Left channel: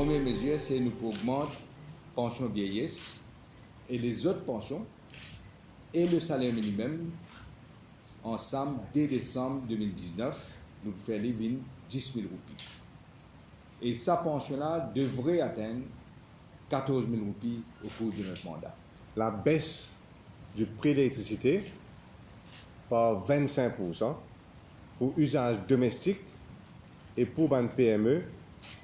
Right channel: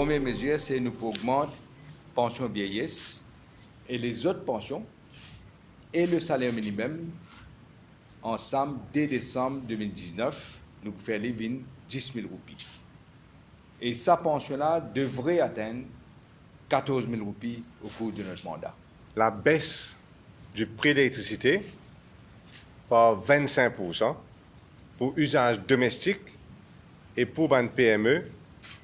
Première mesure, c'est nous augmenter pension vieillesse et les autres pensions et le salaire minimum ensemble dès décembre 2019, nous pouvons faire les 10 000 roupies. Et sa pension-là devrait atteindre 14 000 roupies au cours de notre mandat. La baisse du prix de l'électricité par 25% pour usage domestique et pour une PME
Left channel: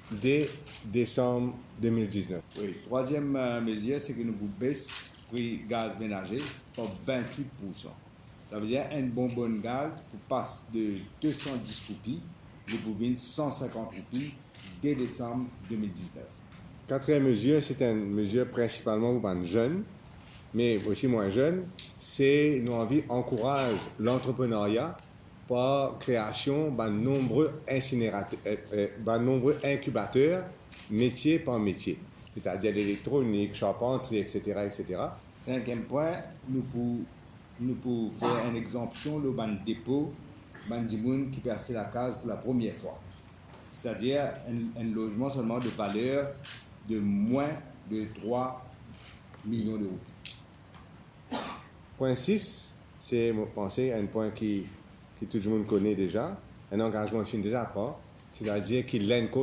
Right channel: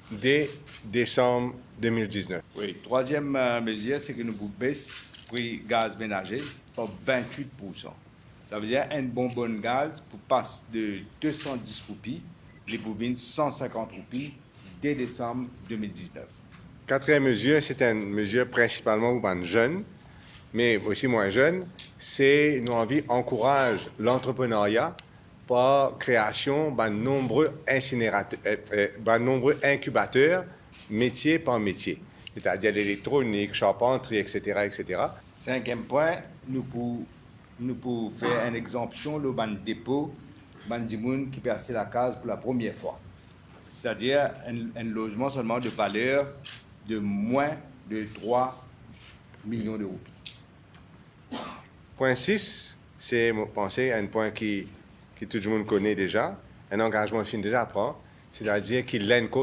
dès décembre 2019. Oui, troisième mesure, c'est que nous baissons le prix gaz ménager par 28%. Ça veut dire un bonbonne gaz pour passer de 210 roupies et pour 150 roupies dès décembre 2019. Quatrième mesure, c'est une mesure principalement pour les jeunes, mais aussi moins jeunes. C'est nous envie encourage l'entrepreneuriat par création de nombreux incubateurs, métier par métier, c'est-à-dire l'électronique, charpenterie, etc., etc. Cinquième point, nous pouvons faire une exemption le ban dépôt, ban dimoun qui passe la case pour la première fois. C'est-à-dire un logement seulement de valeur de moins de 3 millions d'euros. Point 6, c'est, je pense, un point que tout le monde connaît déjà, un engagement qui déjà prend, c'est-à-dire que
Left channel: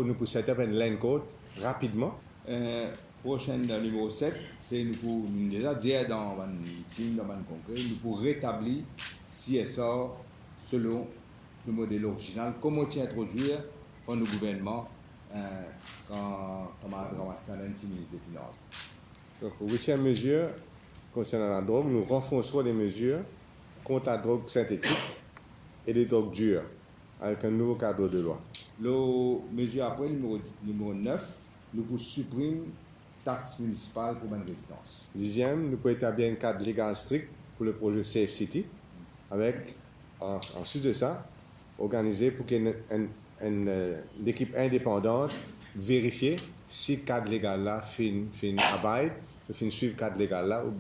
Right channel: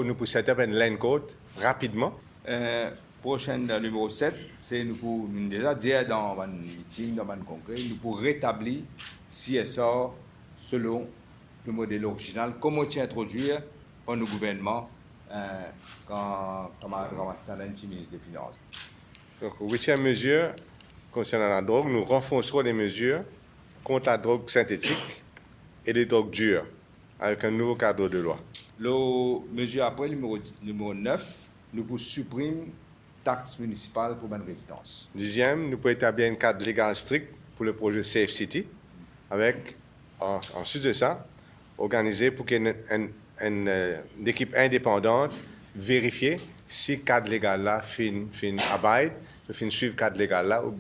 nous pouvons set up un land code rapidement. Prochain numéro 7, c'est nous pouvons déjà dire dans un meeting, dans un congrès, nous pouvons rétablir CSR selon le modèle original, comme on tient introduire par le gouvernement quand Madame ministre des Finances. Donc, huitième mesure concernant la drogue, nous renforcerons les mesures contre la drogue synthétique et les drogues dures avec un nouveau cadre de loi. La mesure après, numéro 9, nous pouvons supprimer taxes municipales pour une résidence. Dixième, nous pouvons établir un cadre légal strict pour le projet Safe City, avec, ensuite de ça, organiser pour qu'il y ait une équipe indépendante vérifier si le cadre légal là fin abide, fin suivre le cadre légal là ou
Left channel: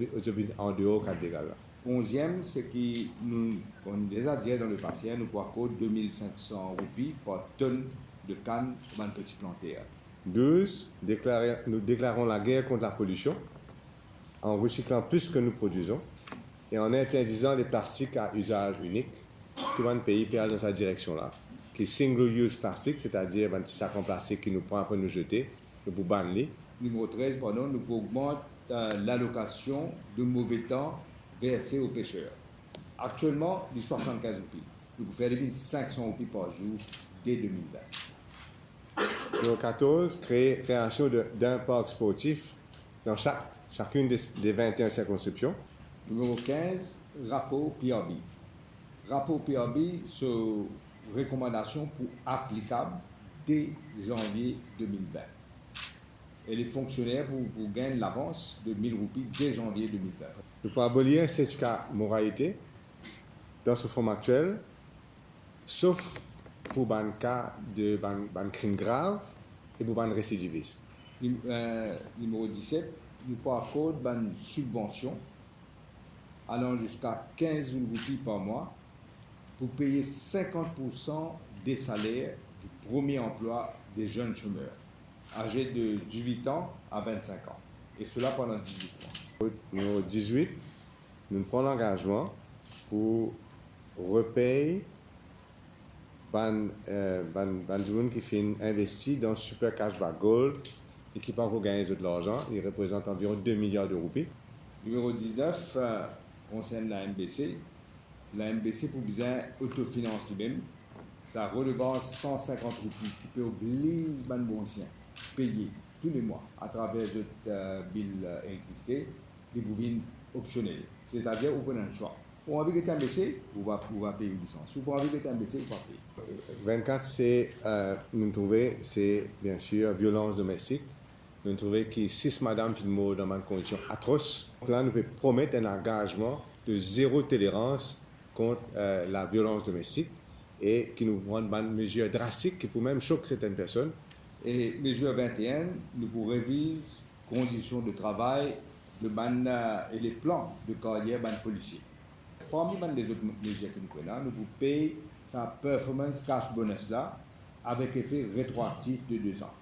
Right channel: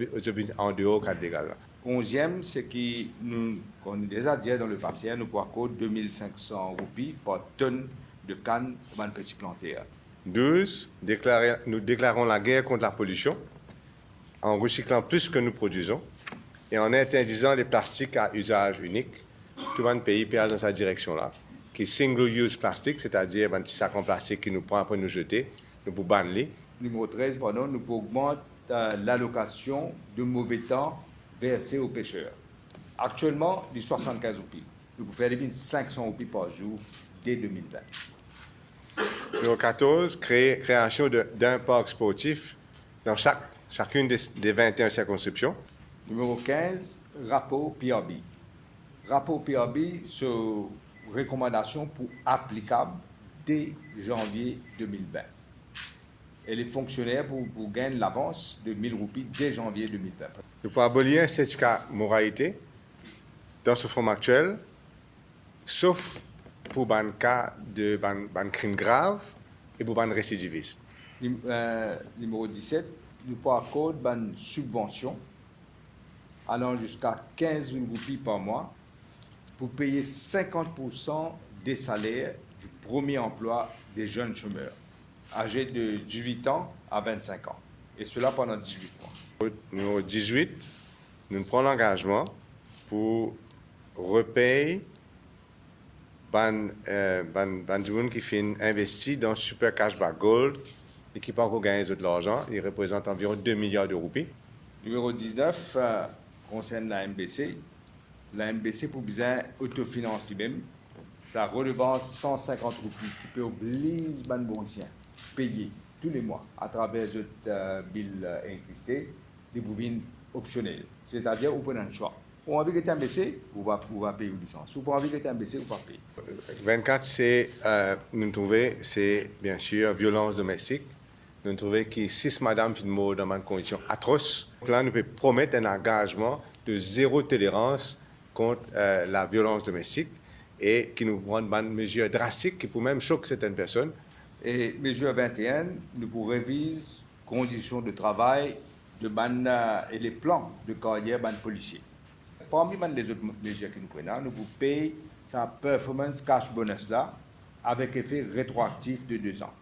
en dehors du cadre légal là. 11e, c'est que nous, comme déjà dit dans le passé, nous pouvons accorder 2500 roupies par tonne de canne pour un petit planteur. 12, nous déclarons la guerre contre la pollution en recyclant plus que nous produisons et en interdisant les plastiques à usage unique. Tout le pays perd dans cette direction-là, qui est single-use plastique, c'est-à-dire un petit sac en plastique qui nous prend après nous jeter, nous pouvons banner. Numéro 13, pardon, nous pouvons augmenter l'allocation de mauvais temps versée aux pêcheurs. Actuellement, du 75 roupies. Nous pouvons faire 500 roupies par jour dès 2020. Numéro 14, création d'un parc sportif dans chacune des 21 circonscriptions. Numéro 15, rapport PRB. Rapport PRB sur recommandation pour applicable dès janvier 2020. Et les fonctionnaires pour gagner l'avance de 1000 roupies dès janvier 2020. Nous pouvons abolir un certificat moralité dans ce forme actuel, sauf pour un cas de crime grave et pour un récidiviste. Numéro 17, nous pouvons accorder une subvention allant jusqu'à 15 000 roupies par mois pour payer 50% des salaires du premier emploi des jeunes chômeurs, âgés de 18 ans à 25 ans, et cela pendant 18 mois. Numéro 18, nous prenons l'engagement pour repayer les gens qui font investir dans Super Cashback Gold et qui pas encore gagner de l'argent. Il représente environ 2 milliards de roupies. Numéro 19 concerne la MBC. La MBC, pour bien autofinance lui-même, sa redevance 150 roupies qui peut obliger les Boursiens à payer tous les mois à travers le bill électricité des bouvines optionnelles. C'est-à-dire, vous prenez un choix. Pour envie que tu MBC, vous va payer une licence. Ou pour envie que tu MBC, vous va payer. 24, c'est, nous trouvons, c'est bien sûr violence domestique. Nous trouvons que 6 madames qui meurent dans une condition atroce. Là, nous pouvons promettre un engagement de zéro tolérance contre la violence domestique et qui nous prend une mesure drastique qui peut même choquer certaines personnes. Et mesure 21, nous pour réviser les conditions de travail et les plans de carrière des policiers. Parmi les autres mesures que nous prenons, nous pouvons payer sa performance cash bonus là avec effet rétroactif de 2 ans.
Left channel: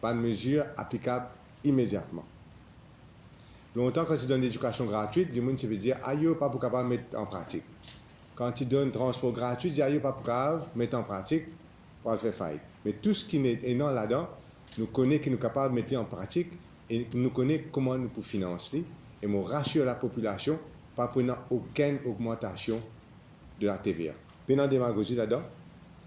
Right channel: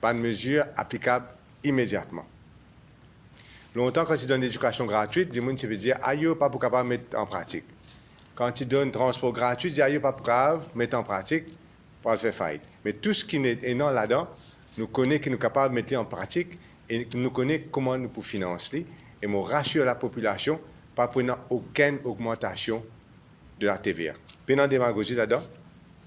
pas de mesure applicable immédiatement. Longtemps, quand tu donnes l'éducation gratuite, du monde se veut dire, aïe, pas pour capable de mettre en pratique. Quand tu donnes transport gratuit, tu dis, aïe, pas pour capable de mettre en pratique, pour le faire faillite. Mais tout ce qui est non là-dedans, nous connaissons qui nous capable de mettre en pratique et nous connaissons comment nous pouvons financer. Et nous rassure la population, pas prenant aucune augmentation de la TVA. Pénal démagogie là-dedans.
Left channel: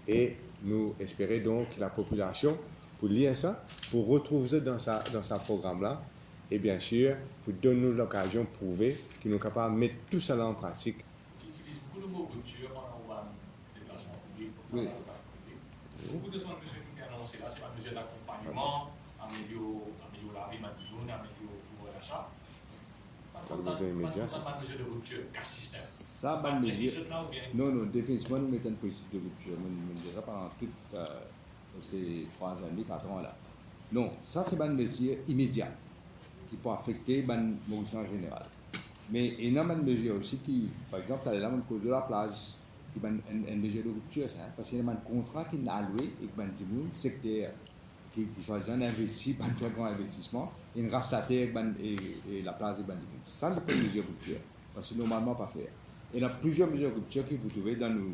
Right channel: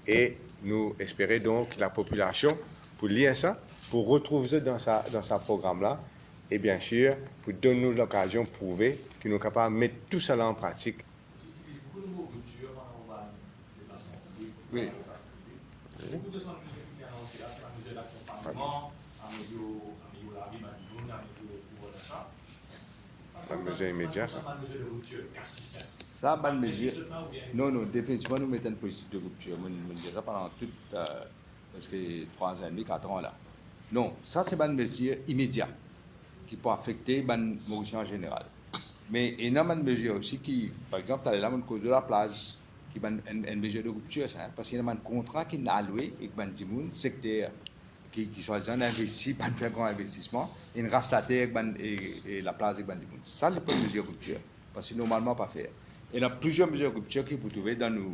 Et nous espérons donc que la population, pour lire ça, pour retrouver ça dans sa programme-là, et bien sûr, pour donner nous l'occasion de prouver que nous sommes capables de mettre tout cela en pratique. Tu utilises beaucoup le mot rupture en déplacement public. Oui. Beaucoup de centres qui sont annoncés là, c'est la mesure d'accompagnement, améliorer la vie de Madiboun, améliorer le pouvoir d'achat. La mesure immédiate, ça. La mesure de rupture, casse système. Ça, bonne mesure. Non, définitivement, nous mettons une politique de rupture. Nous disons ça pendant toute, parce que 3 ans et demi, 4 ans là. Non, ça, c'est une mesure immédiate qui peut affecter les Mauriciens en général. Mais il y a une mesure aussi qui, par exemple, tu as là une cause de la plage, qui est une mesure de rupture, ça, parce qu'il y a un contrat qui est alloué et que le secteur qui choisit un investi, pas faire un grand investissement, il reste la terre et la plage avec le ça, c'est pas une mesure de rupture, parce que normalement pas faire. Il y a plusieurs mesures de rupture qui vous trouvez dans nos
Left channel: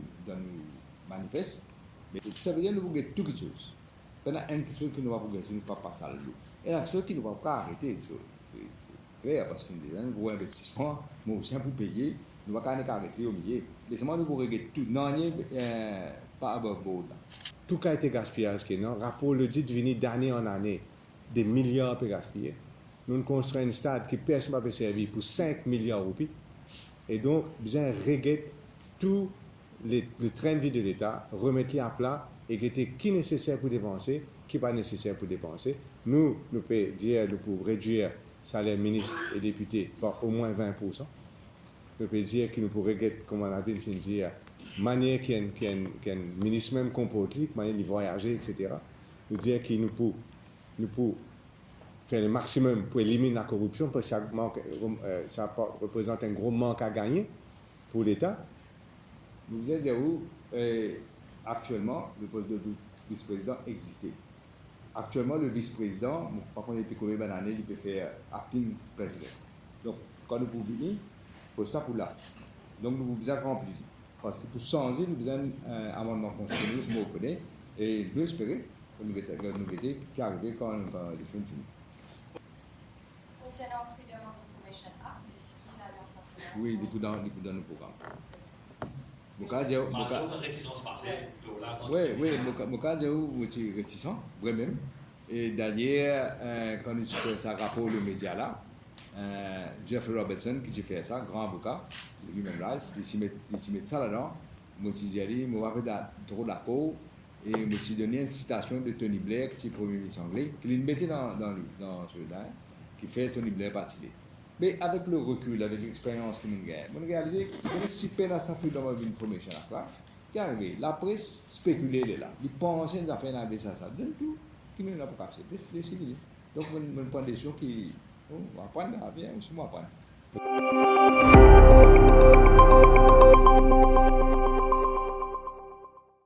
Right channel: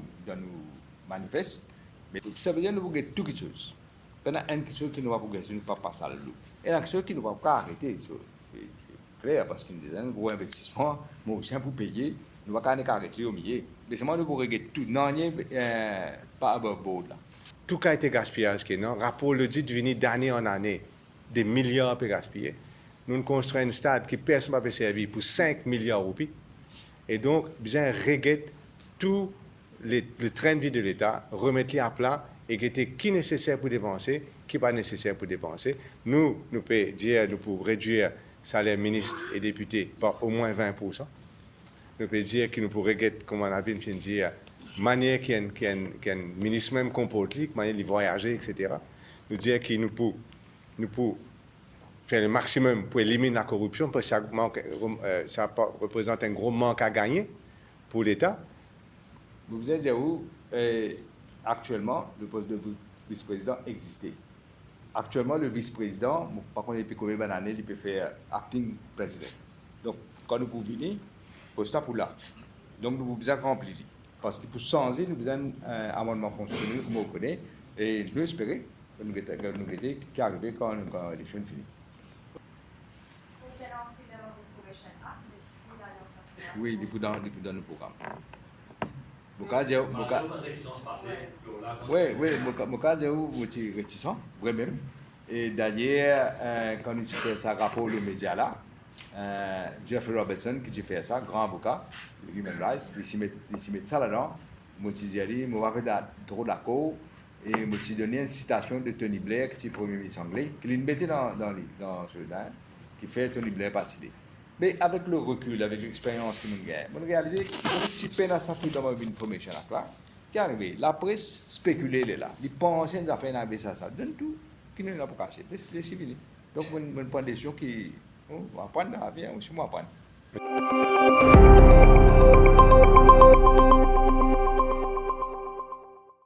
manifestes, mais ça veut dire que nous voulons tout quelque chose. Il y a une chose qui nous va progresser, nous ne pas passer à l'eau. Et il y a une chose qui ne va pas arrêter. C'est clair, parce qu'il y a un gros investissement, moi aussi, pour payer, nous ne va pas arrêter au milieu. Mais c'est moi, nous pourrions régler tout. Non, il n'y a pas above board là. Tout a été gaspillage, non? Rapport le dit de venir d'année en année, des milliards pour gaspiller. Nous construisons un stade qui personne ne peut servir pour 5 milliards de roupies. Et donc, besoin de régler tout le train de vie de l'État, remettre-les à plat et qui est nécessaire pour dépenser, qui n'est pas nécessaire pour dépenser. Nous pouvons dire, nous pouvons réduire salaire ministre et député par au moins 20%. Nous pouvons dire que nous pouvons régler, comme on a vu, dire, manière qu'il y a un ministre même comporte, manière de voyager, etc. Nous dire que nous pouvons faire le maximum pour éliminer la corruption, parce que ça représente un gros manque à gagner pour l'État. Vous vous êtes dit où actuellement le poste de vice-président existait. Actuellement, le vice-président, par contre, il peut combien d'années, il peut faire acting président. Donc, quand nous pouvons venir, poste pour là. Donc, nous avons besoin de remplir. Parce que pour changer, nous avons besoin d'un amendement constitutionnel, nous connaissons, et nous espérons que nous avons qui arrive quand l'élection finit. Concernant Freedom of Information Act, est-ce qu'il y a l'alliance nationale? Oui, il faut dans le programme. Oui, mon cas, j'ai réticent, vraiment. Et d'ailleurs, quand nous faisons ça rapport aux médias là, Jeffrey Robertson, qui fait ça, grand avocat, Human Rights, il s'y met ça là-dedans. Moi, je dis, moi, je vais trop d'accord. Et je me donné une citation de Tony Blair, qui est le premier ministre anglais, qui l'a mis dans ce qui fait Tony Blair partir. Mais avec le recul, avec l'expérience que nous avons, nous réalisons que si peine à sa Freedom of Information à plat, qui est arrivé, la presse spéculée là, ils pensent qu'ils ont fait un ça, donne tout, qui ne l'a pas caché, les civils. Donc, on prend des décisions qui, on va prendre la vie, on va prendre.